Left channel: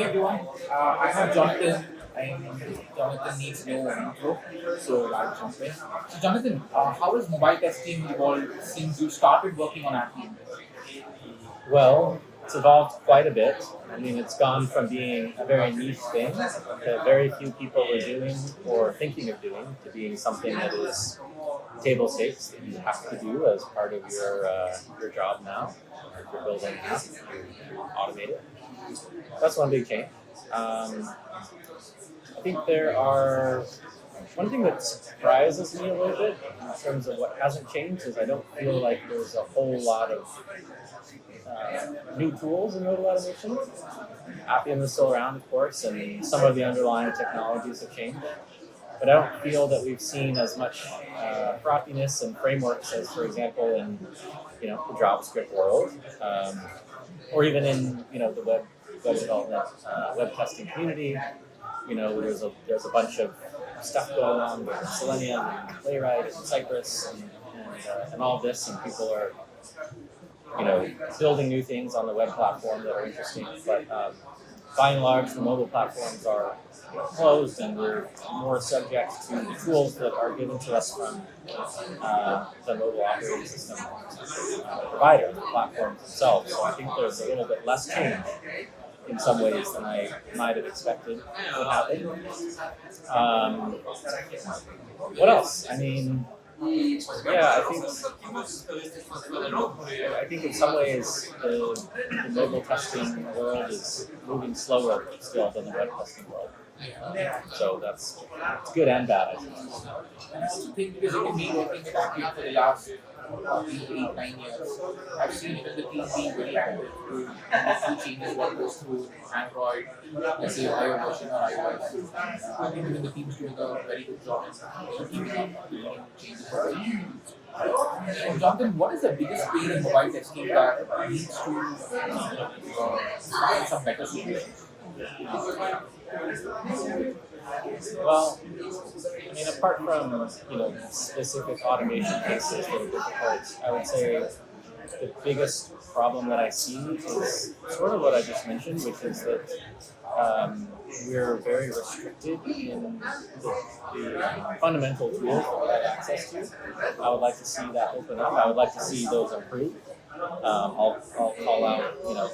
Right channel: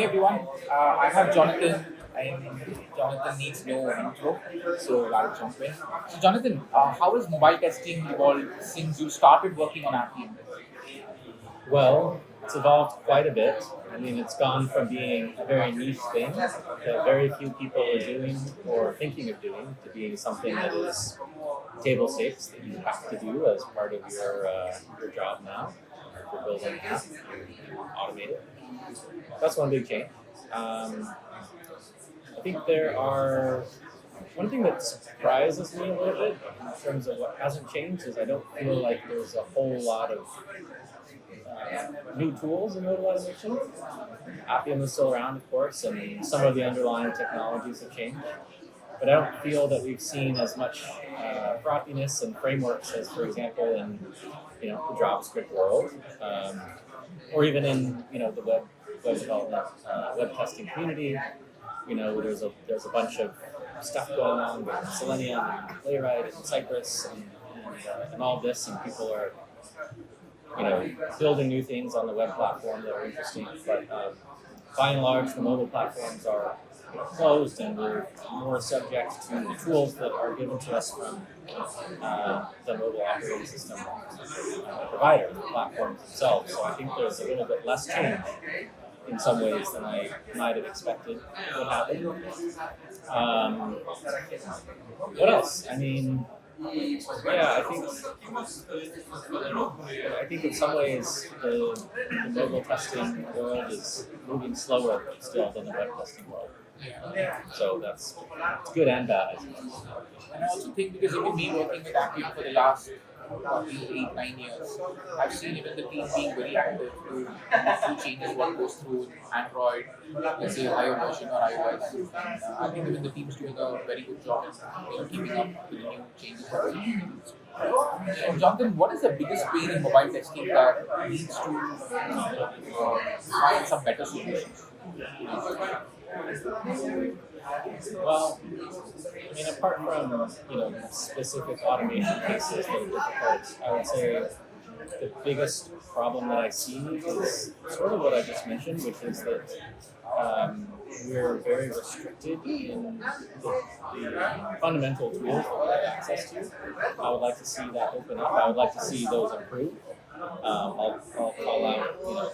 Hey everyone, I have Jonathan, and Jonathan needs no intro, so I'll jump in. So, Jonathan, how has mobile testing evolved since you started working on Appium? Well, it's evolved quite a bit. I mean, it's gone from being a very niche thing that very few people were doing or thinking of doing to being something that is table stakes that you have to do as part of your job now. Or if you're building an app, you automate it. That's one big change. Um, I think there are one thing that surprises me a little bit in terms of what hasn't changed is I don't feel like there's a whole lot of new tools in nodal automation. Appium is still around, of course, and some of the underlying technologies have changed. But I don't feel that we've seen as much frothiness and frameworks as, for example, in the JavaScript world, or even in the web development, web testing community. There's a bunch of stuff going on with Selenium and Playwright and Cypress and all this, and people are building new things on the web platform that are interesting. But by and large, the mobile platforms are closed, and we're more subject to the tools that are given to us from the mobile operating system provider, the platforms themselves. So I think there's a little bit less change in some ways than I might have expected would happen. Um, what else? I mean, yeah, I think in some ways the mobile testing world is moving slower still than the web testing world. So that's it's good and bad, I think. And I also think because you've been working with Appium for the last probably 8, 9 years, I've seen even the team being very active to make new changes what goes through Android, let's say higher version or iOS. And I think even the team is doing a very good job in keeping up with the new changes. And Jonathan, what is the biggest pain in mobile testing that needs to find some better solutions? Well, I mean, apart from specific automation cases that are difficult, I would say the biggest problem that I see is sort of what I just mentioned, which is that we're very restricted in the fundamental tools that we have access to. I would like to see that open up. I would like to see those improve. I'll call out,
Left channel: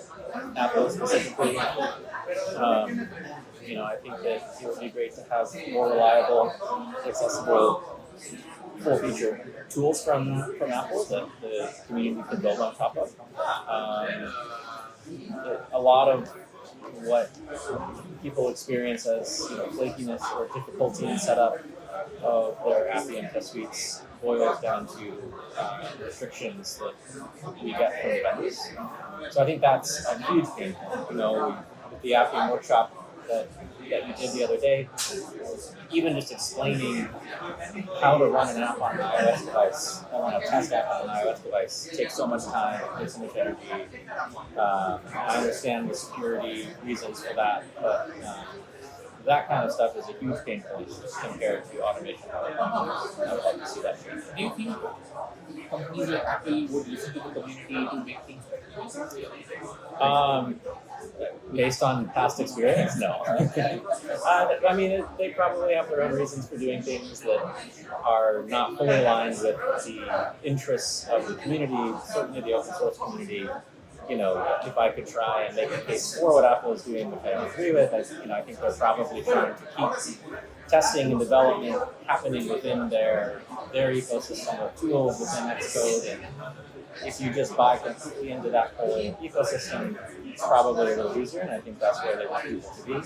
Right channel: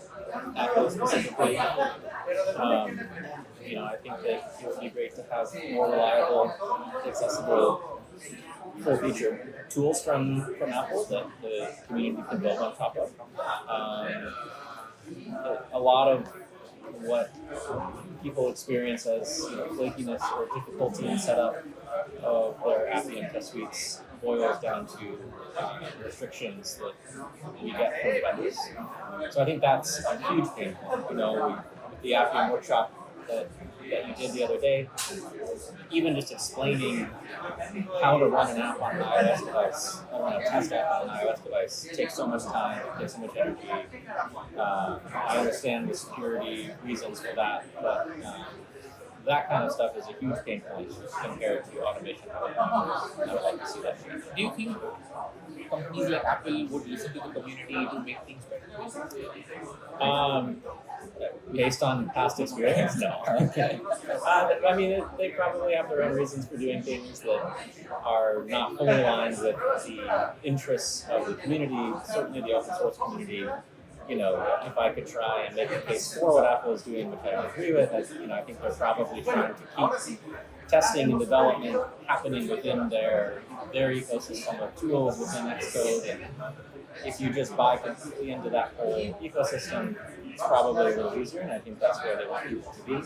Apple specifically. Um, I think that it would be great to have more reliable, accessible, full-featured tools from Apple that the community can build on top of. Um, a lot of what people experience as flakiness or difficulty in setup of their Appium test suites boils down to restrictions that we get from the vendors. So I think that's a huge pain point. With the Appium workshop that you did the other day, even just explaining how to run an app on an iOS device, or run a test app on an iOS device, takes so much time, it takes so much energy. I understand the security reasons for that, but that kind of stuff is a huge pain point compared to automation. I would like to see that change. Do you think companies like Apple would listen to the community to make things better? Um, Based on past experience, no. I mean, they probably have their own reasons for doing things that are not fully aligned with the interests of the community, certainly the open source community. If I could try and make a case for what Apple is doing, which I don't agree with, I think they're probably trying to keep testing and development happening within their ecosystem of tools within Xcode. And if you just buy completely into that whole ecosystem, it's probably a little easier, and I think that's where they want people to be.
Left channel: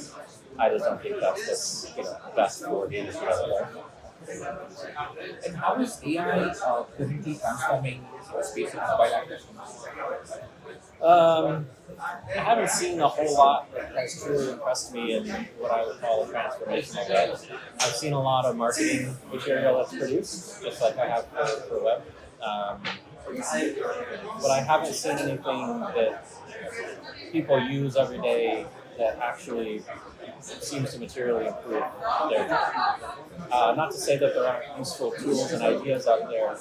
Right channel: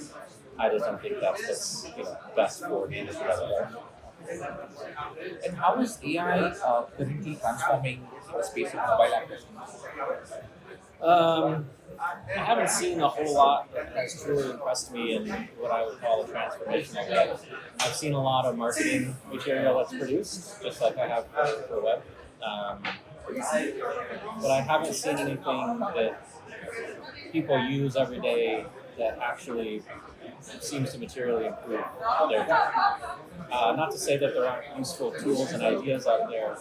I just don't think that's what's best for the industry as a whole. And how is AI currently transforming the space of mobile app testing? I haven't seen a whole lot that has truly impressed me in what I would call a transformational way. I've seen a lot of marketing material that's produced, just like I have for web. But I haven't seen anything that people use every day that actually seems to materially improve their job. Not to say that there aren't useful tools and ideas out there.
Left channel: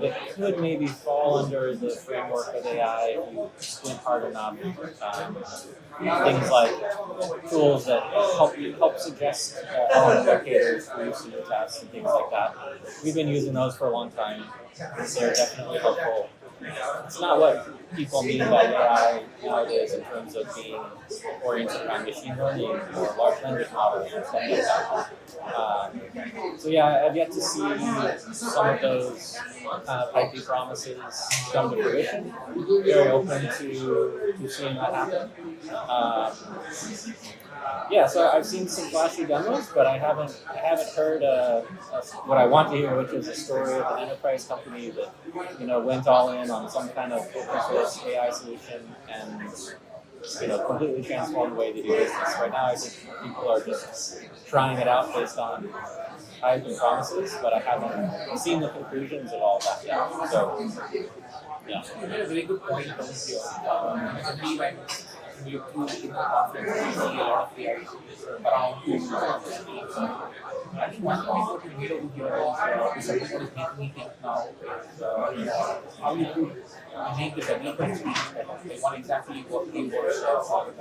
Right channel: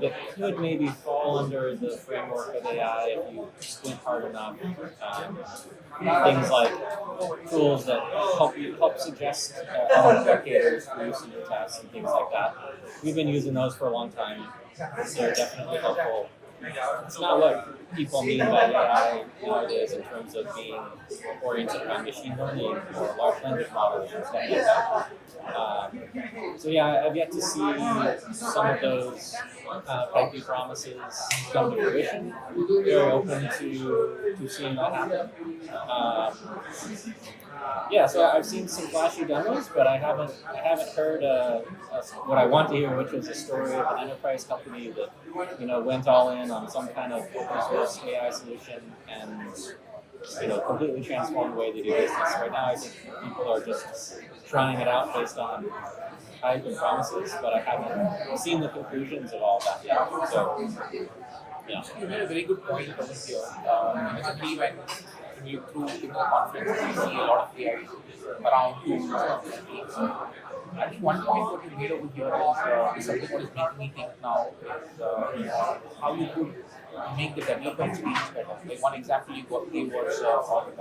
that could maybe fall under the framework of AI if you squint hard enough. Things like tools that help suggest element locators for use in your tests and things like that. We've been using those for a long time. They're definitely helpful. It's not what people mean by AI nowadays in terms of being oriented around machine learning or large language models and stuff like that. So yeah, I've yet to see some of those kind of hypey promises come to fruition. Very open to seeing that happen. Yeah, so I've seen some flashy demos, but I haven't heard what I want to hear, which is a story of an enterprise company that went all in on some kind of open source AI solution and completely transformed the way they do business. Right now, I think people are just trying it out based on hype and promises, but I haven't seen the conclusions of all that yet. So, yeah. You made a very good point over here. Generally, when you look through the conference, you see a lot of AI around tools and things. I think one point what you made over here is something what is making me think now is how you could make the developer experience better. Like one example you gave was on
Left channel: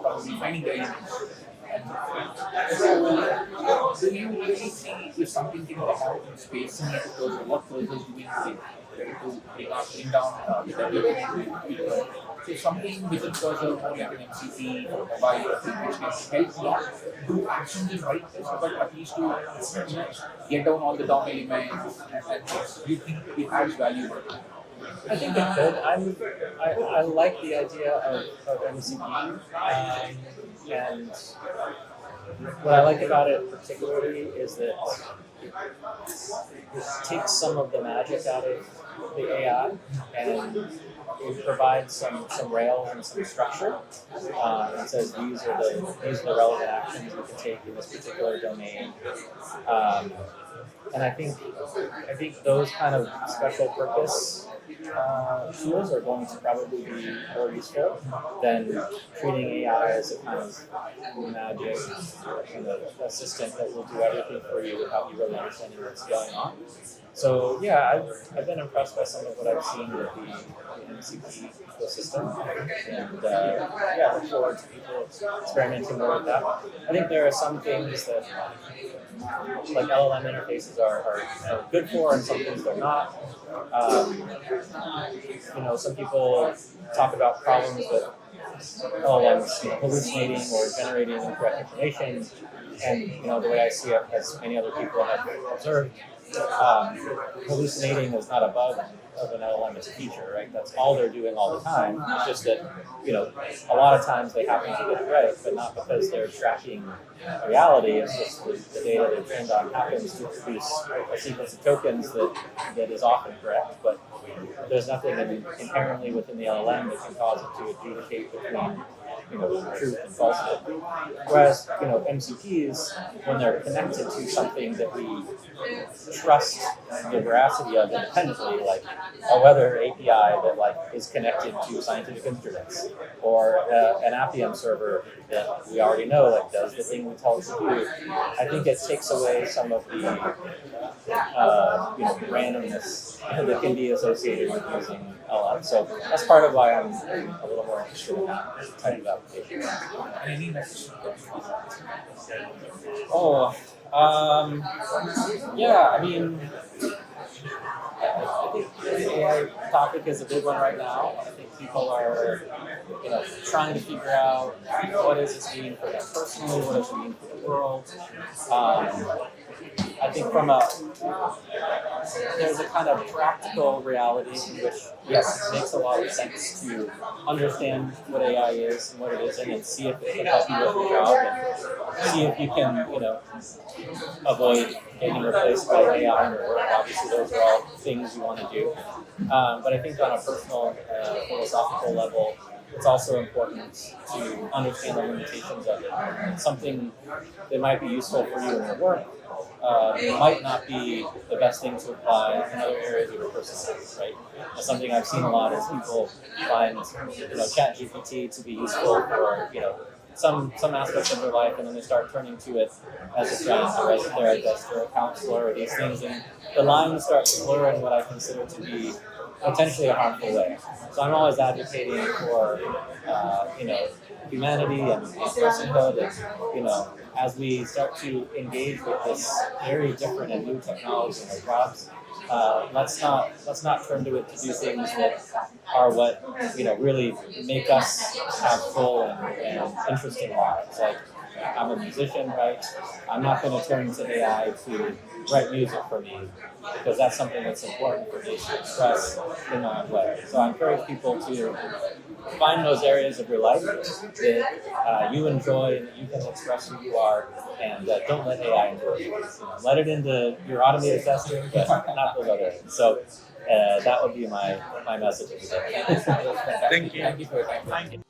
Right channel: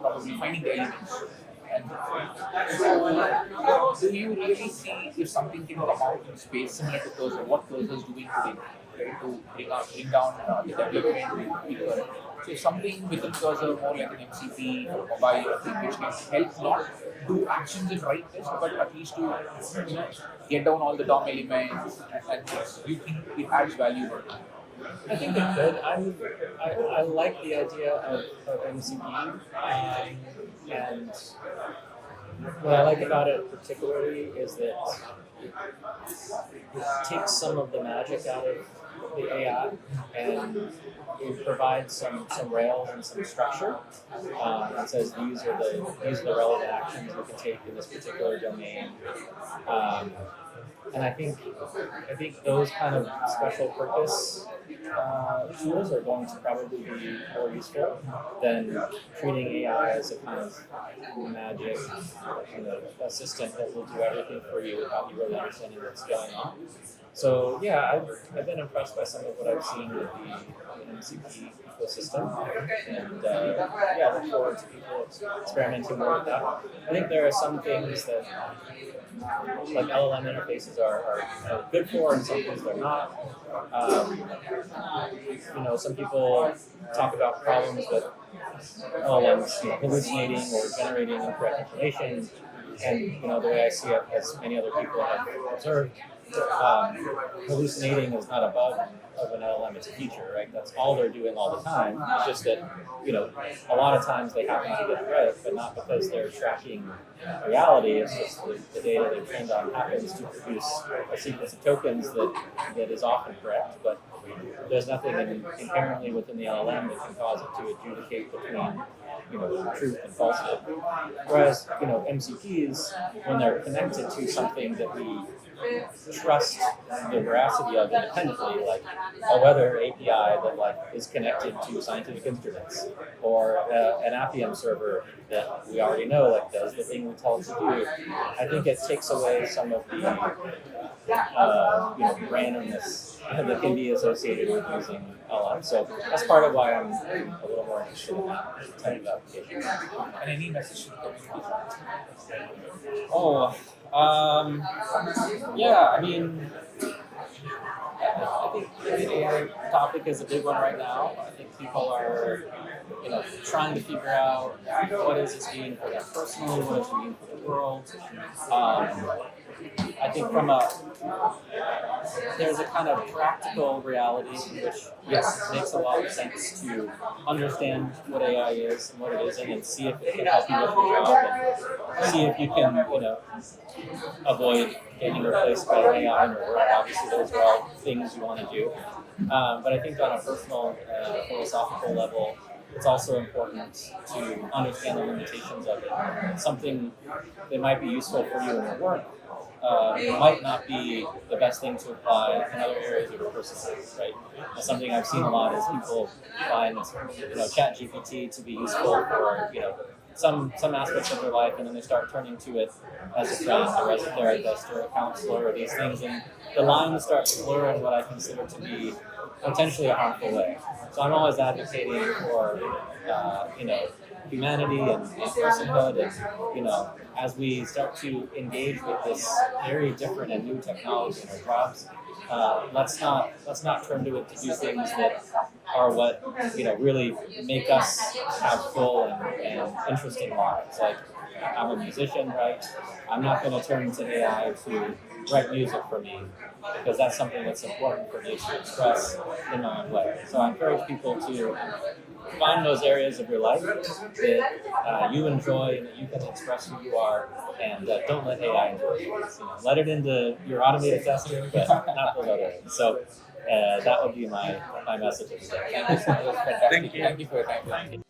probably finding the elements. And so, do you really see if something can come out in space similar to Cursor, what Cursor is doing today, right, to bring down the development people? So something within Cursor, more like an MCP or a mobile thing, which can help not do actions in write test, but at least to get down all the DOM elements and things. You think it adds value? I think it could. I like the idea of MCP, and what I like about it particularly is that it takes some of the magic out of the AI and it provides some rails and some structure and says these are the relevant actions we can take in this particular domain. And I think those kind of special purpose tools are going to probably be more useful than treating AI as a kind of magic assistant that will do everything for you without you really understanding what's going on. So yeah, I've been impressed by some of what I've seen with the MCP ecosystem, and yeah, I look forward to people experimenting more with that. I think there are some things that like LLM interfaces are good for, and some things they're not. Some people talk about problems with LLMs hallucinating or generating incorrect information, and the way I see it, as many other people have observed, hallucinating is not a bug of an LLM, it's a feature, right? That's all they're doing all the time. It's just that, a lot of times they happen to get it right, but not because they're tracking reality. It's just the data they're trained on happens to produce a sequence of tokens that is often correct, but there's nothing inherently within the LLM that can cause it to adjudicate between truth and falsehood. Whereas, MCPs, when they're connected to something that we trust the veracity of independently, like a weather API that is connected to scientific instruments, or an Appium server that we already know does the thing we tell it to do, I think it takes away some of the randomness that can be associated with using LLM. So that's part of why I'm a little more interested in that type of application. And any message? Yeah, I mean, I think the AI topic is a big one right now. I think people are, trying to figure out what does this mean for them personally, what does it mean for the world. I think there's a kind of practical reality in which, yes, it makes a lot of sense to understand what AI is and what it isn't, and see if it can help you with your job, and see if you can, avoid getting replaced by AI in your work. Obviously, those are all things you want to do. But I think on a personal, philosophical level, it's also important to understand the limitations of it. It's something that might be useful for you in your work. It might not be the best thing to apply in other areas of your personal life, right? That's something I've seen a lot is people find, ChatGPT to be useful for, some aspects of their life, and then they start turning to it as a friend or as a therapist or a counselor or these things, and the lines start to blur in what I consider to be potentially a harmful way. So I'm always advocating for humanity and personhood, and as we start to engage with this very different and new technology in our jobs, let's not turn to it to do things that are what really make us have full and interesting lives. Like, I'm a musician, right? I'm not going to turn to AI to write music for me because that's something that's important for me to express in my own way. So I encourage people to find those areas of your life that you enjoy and that you can express who you are, and don't let AI into it. Let it into your automated testing, but not those other areas. So that would be my message of the day. Thank you so much. Fantastic. Thank you. Thank you for your time. Thank you.